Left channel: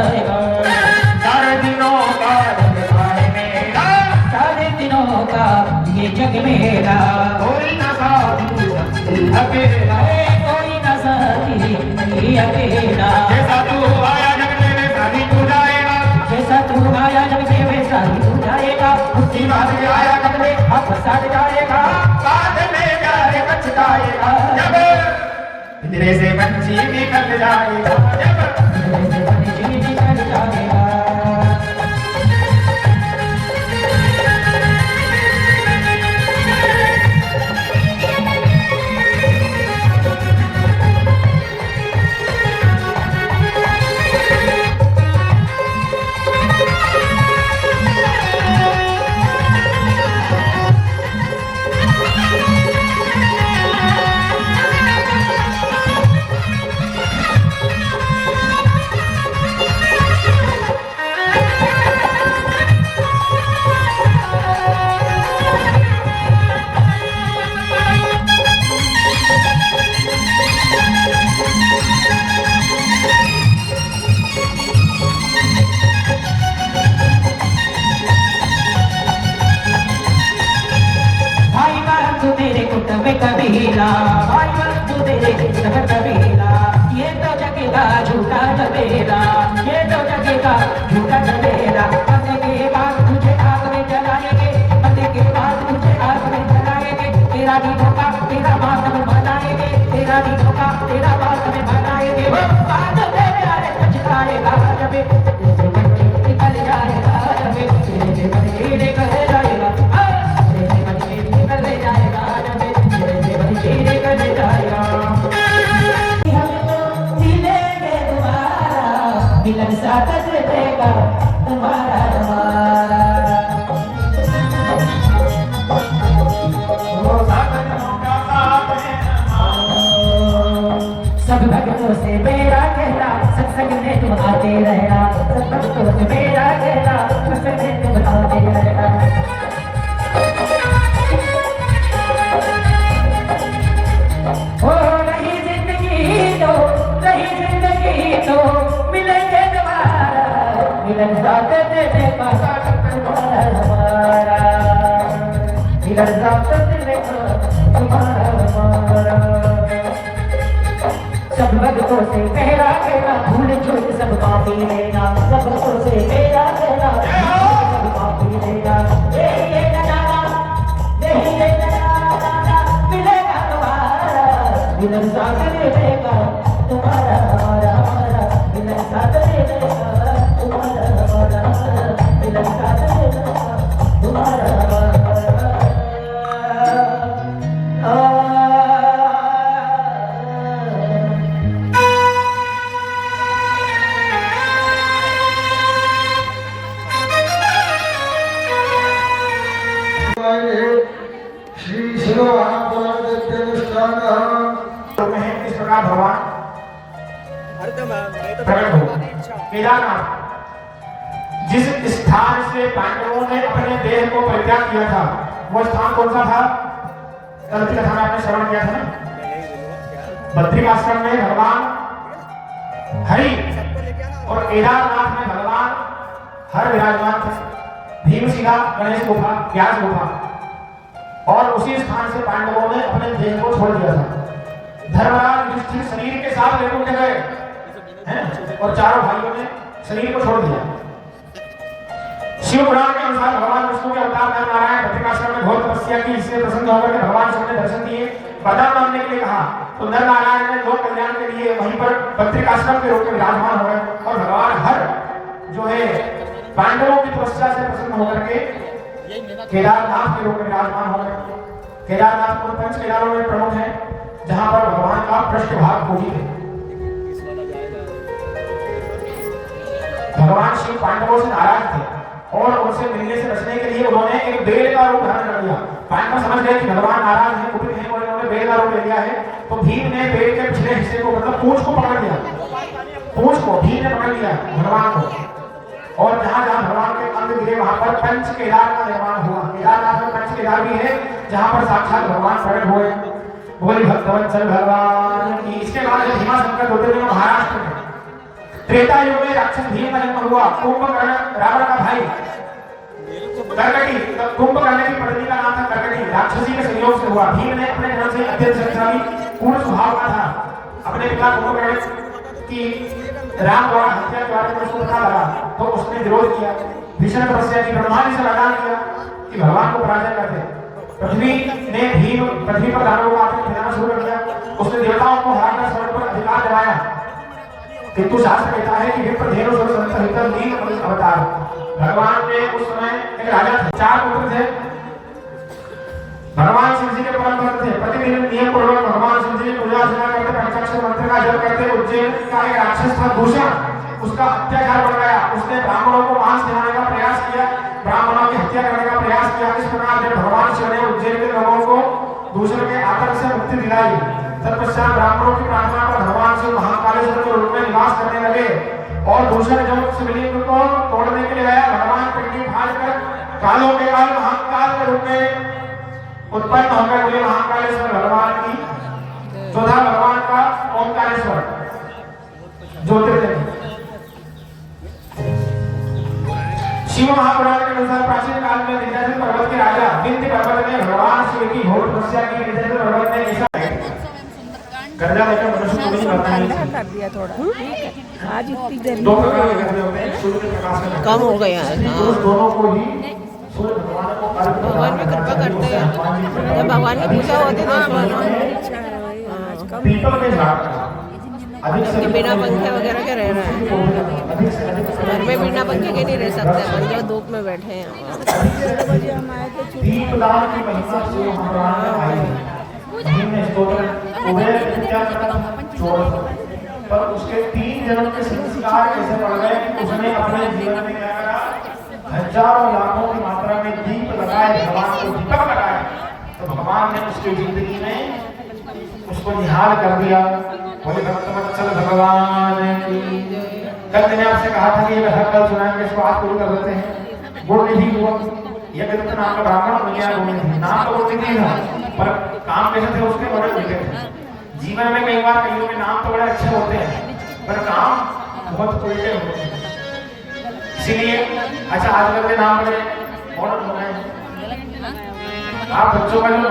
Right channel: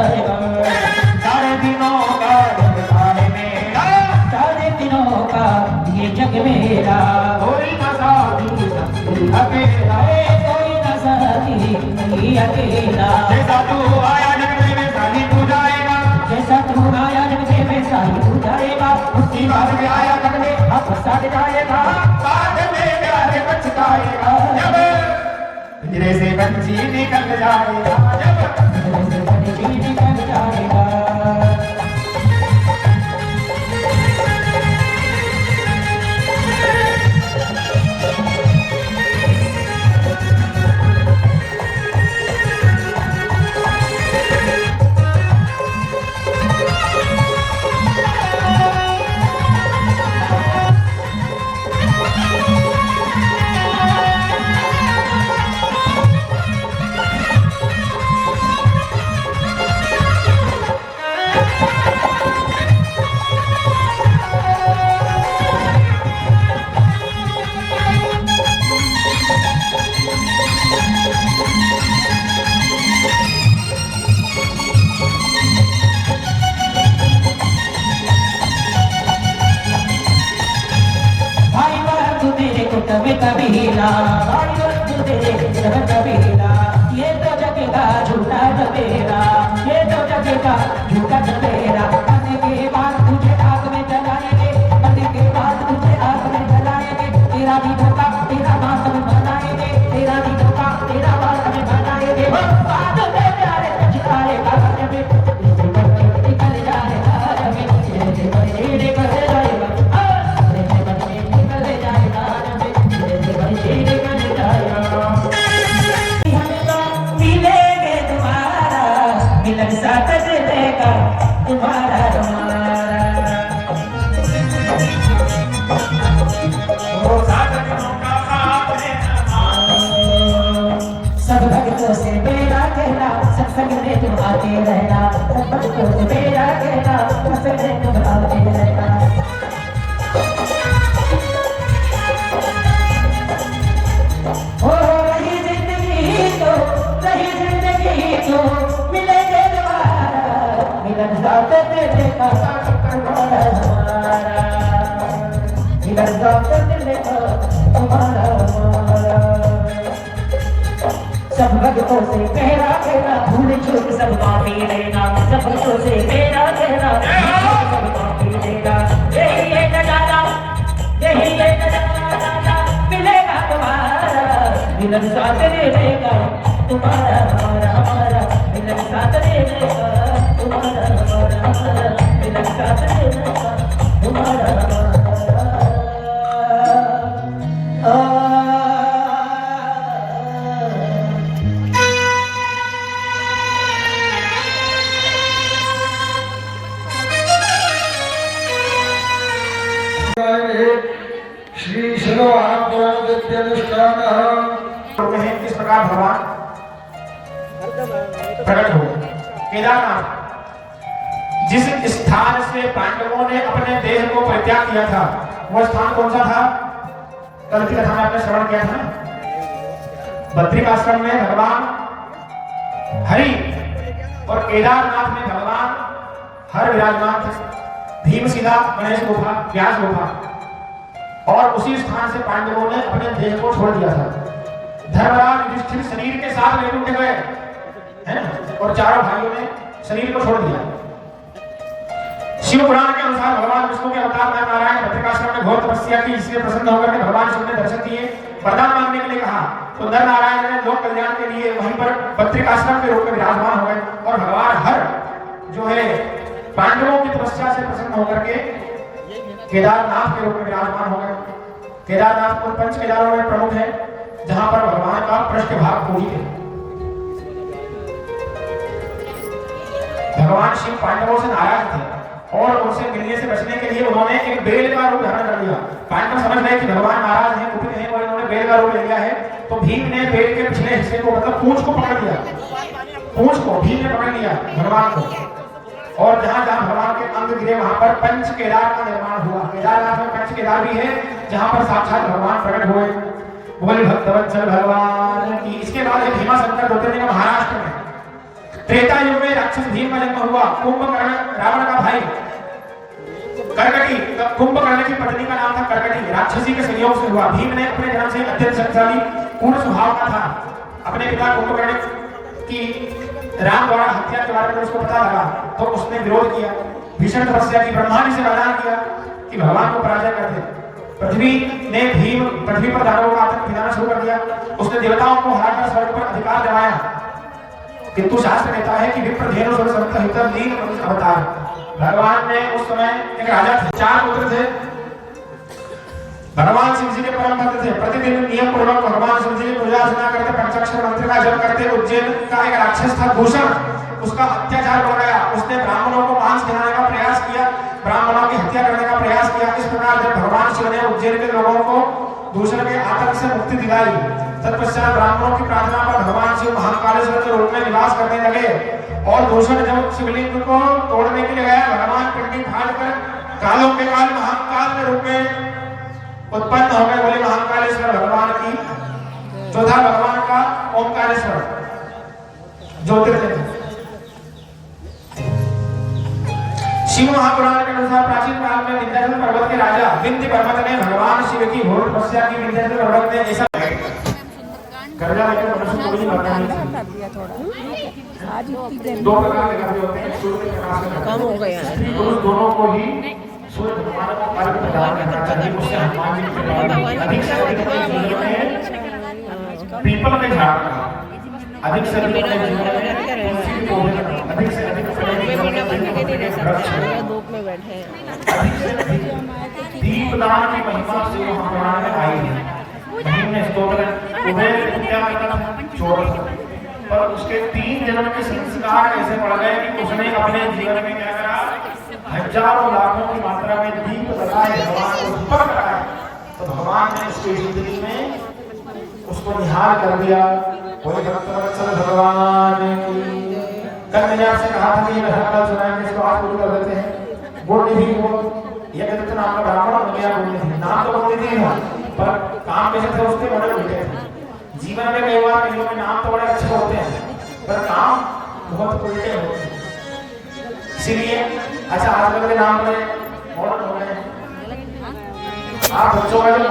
जाएगा। सारे दिनों का जगताए मेरा, सारे दिनों का ये जग मेरा, कोई न साथी अकेला, कोई न साथी नहीं अकेला। जैसा तू आया जग में वैसा ही तू जाएगा, जैसा तू आया जग में वैसा ही तू जाएगा। उसकी बात में आया कब में अब साथ जाएगा, बाद में प्यारे पछताएगा, जब पिंजरे से पंछी निकल जाएगा, जब निकल जाएगा। कबीला भाई बंधु तेरे सब कबीला, ये तो जगेगा झूठा तेरा, ये तो जगेगा झूठा तेरा। मरने के बाद तुझे आग में जलाएंगे, मरने के बाद तुझे आग में जलाएंगे। तेरा भी धोखा तेरा मातम बनाएंगे, तेरा भी धोखा तेरा मातम बनाएंगे। वो बाद में प्यारे पछताएगा जब निकल जाएगा, जब निकल जाएगा, मिलन साथ देगा तुम्हारा तुम्हारा। सब भक्तों से मेरा कहना, सत्संग में तुम आते रहना, सब भक्तों से मेरा कहना, सत्संग में तुम आते रहना। हो रही जिंदगी तो मिलेंगे दोबारा, मिलन साथ देगा तुम्हारा हमारा, मिलन साथ देगा तुम्हारा हमारा। सब भक्तों से मेरा कहना, भूल चूक सब माफी लेना, सब भक्तों से मेरा कहना, सब माफी लेना। यही नजारा मिलेगा तुम्हारा, मिलन साथ देगा तुम्हारा हमारा, हमारा मिलन साथ देगा तुम्हारा हमारा, हमारा मिलन साथ देगा तुम्हारा हमारा। श्री शिरोहापुराण किस प्रकार भगवान प्रकट हो। केदारनाथ जिस स्थान से पांडवों ने अपने देह को परित्याग किया था, वह स्थान कौन सा था? कल की कथा में आपने श्रवण किया था ना। बद्रिकाश्रम में भगवान हरि और केदारनाथ में भगवान हर विराजमान थे। भीमशिला, गणेश गुफा, व्यास गुफा, और उसी स्थान से पांडवों ने अपने देह को छोड़ दिया था। धर्मराज युधिष्ठिर शरीर के साथ वैकुंठ गए हैं, और चारों भाइयों ने शरीर को छोड़ दिया। शिव पुराण के अनुसार भगवान विष्णु के अवतार नर नारायण बद्रिकाश्रम में घोर तपस्या की, इसलिए प्रसन्न होकर के भगवान शिव ने दर्शन दिए, वरदान मांगने के लिए कहा। तो नर नारायण ने लोक कल्याण के लिए वहीं पर बद्रिकाश्रम के रूप में विराजमान हो गए, और भगवान हर जो है पांडवों की तपस्या से प्रसन्न होकर के केदारनाथ के रूप में विराजमान हो गए। केदारनाथ को पंच केदारों में प्रमुख है, जहां पर भगवान का पृष्ठभाग पूजित है। भगवान शिव पांडवों से नाराज थे, और उनसे मिलने से बचने के लिए उन्होंने एक बेल का रूप धारण कर लिया। पांडव समझ गए कि भगवान नाराज हैं, कुपित हैं, और इन्होंने बेल का रूप ले लिया है। तो भीम ने बेल के पिछले हिस्से को, मतलब पूंछ को पकड़ लिया, पूंछ को भीम ने पकड़ लिया भगवान को, और जहां जहां भगवान के अंग गिरे वहां पर पंच केदार का निर्माण हुआ। केदारनाथ में पंच केदार भी है, जहां पर साक्षात भगवान प्रकट हुए। बोले भक्तवत्सल भगवान की। इसके बाद भीमा शंकर होते थे महाराष्ट्र में, त्रेता युग में राक्षस भीम का जन्म हुआ। कुंभकर्ण रावण का भाई, कर्कटी कुंभकर्ण की पत्नी का नाम था कर्कटी, राक्षसी के संयोग से हुआ। भीम ने अपने जन्म से ही अत्यंत शक्तिशाली पूर्ण स्वभाव का था। अपने पिता कुंभकर्ण की राम द्वारा हत्या के बारे में उसको पता लगा तो उसने विरोध किया। भीषण तपस्या की, ब्रह्मा जी से वरदान किया कि भगवान को पराजय कर दे। पृथ्वी पर दानवों का आतंक फैलाना शुरू कर दिया। उसने देवताओं को हराकर स्वर्ग पर अधिकार जमाया। किंतु शास्त्र कहता है कि विप्रधेनु सुर संत हितर लीन अवतार। भगवान ने उस समय एक राजा थे, 4 पुत्र थे। भगवान शिव जी के परम भक्त थे। प्रतिदिन नियम पूर्वक भगवान शिव जी की पूजा अर्चना करते, पंचाक्षर मंत्र का जप करते। उज्जैन का एक राक्षस था दूषण, उसका अत्याचार बढ़ गया। उसने ब्राह्मणों को मांस खिलाने का प्रयास किया, ब्राह्मणों की हत्या करने का प्रयास किया। इस प्रकार जब भगवान शिव ने उज्जैन के लोगों को दूषण के आतंक से मुक्ति दिलाई, तत्पश्चात ब्राह्मणों की प्रार्थना पर भगवान शिव महाकालेश्वर के रूप में निवास करने लगे। और दूषण जब शिवलिंग को तोड़ने के लिए गया, भगवान पिंडी फाड़कर कालों के काल महाकाल के रूप में उत्पन्न हो गए। बोले महाकालेश्वर भगवान की। चौथा भगवान का ओंकारेश्वर ज्योतिर्लिंग। शिव महापुराण के अनुसार प्राचीन काल में विंध्याचल पर्वत के राजा विंध्य पर्वत ने भगवान शिव की घोर तपस्या की। विंध्याचल पर्वत ने ऐसा कर्जा लेकर मनुष्य को नहीं लौटा नहीं कर दिया थोड़ा। आज इतनी 2 प्रकार के कर्जे होते हैं, सूर्य के प्रकाश में कम हो गया है। तो उस दोनों को ही सूर्य भगवान को अर्घ प्रदान करना चाहिए। उससे हनुमान जी के भगवान की पूजा होती है। पीपल के झाड़ का अधिक से अधिक बिना पंखे वगैरह के रहना है। अधिक से अधिक घर में बिना पंखे के नहीं रह सकते, हम धूप में बैठे हैं। दीपदान की महिमा से महापुराण में आई है। भीम ने स्तोत्र उभय विद्या चोर, पर उसके 3 जन्म के संस्कार ऐसे बढ़ गए कि उसने अपने जीवन में क्या करा, हजारों लाखों की मात्रा में दीप लगाए, भगवान को दीपक लगाए। तो भगवान ने उसकी जिंदगी में उसको निहाल कर दिया। बोले भक्तवत्सल भगवान की। कल मैंने आपसे कहा था कि ये कल सुनाया कि इसको आज पूरी कर देते हैं। गुणनिधि वो यज्ञदत्त नाम का ब्राह्मण बन गया। गुणनिधि नाम तो गुणनिधि था, पर काम कैसे थे उसके बड़े उल्टे थे। जीवन में कई बार कईयों के नाम तो बड़े अच्छे होते हैं, पर काम बहुत उल्टे होते हैं। इसीलिए अच्छा आजकल के नाम बड़े मॉडर्न हो गए हैं। आप बच्चों का जो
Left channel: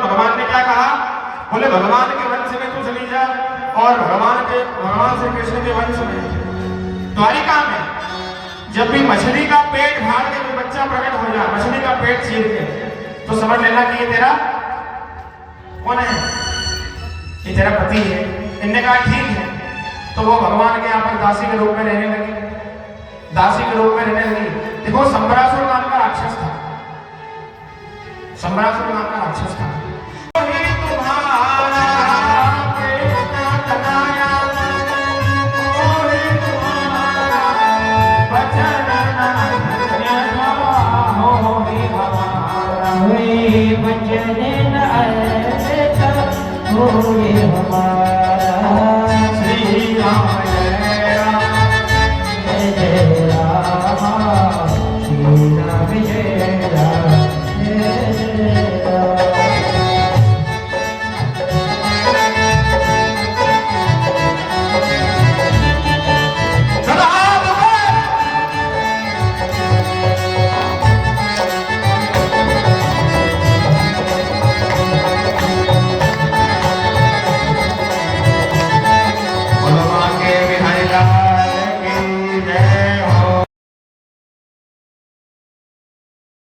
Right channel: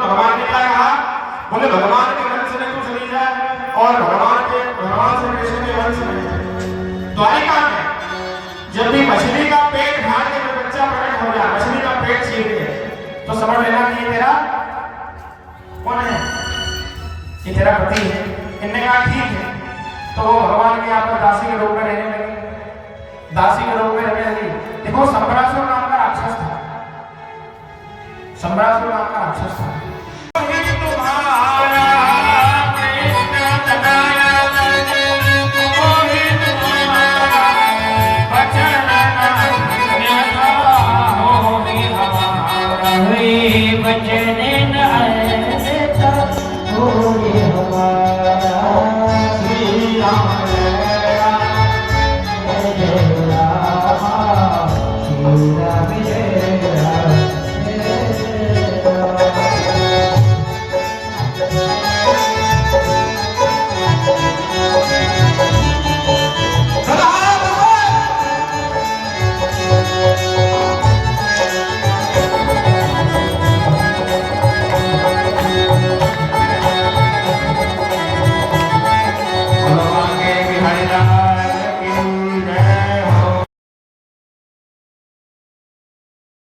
भगवान ने क्या कहा, बोले भगवान के वंश में तू चली जा और भगवान से कृष्ण के वंश में। द्वारिका में जब भी मछली का पेट फाड़ के जब बच्चा प्रकट हो जाए, मछली का पेट चीर के, तो समझ लेना कि ये तेरा कौन है, ये तेरा पति है। इनने कहा ठीक है, तो वो भगवान के यहाँ पर दासी के रूप में रहने लगे। दासी के रूप में रहने लगी। देखो संबरासुर नाम का राक्षस था, संबरासुर नाम का राक्षस था। वचन न हो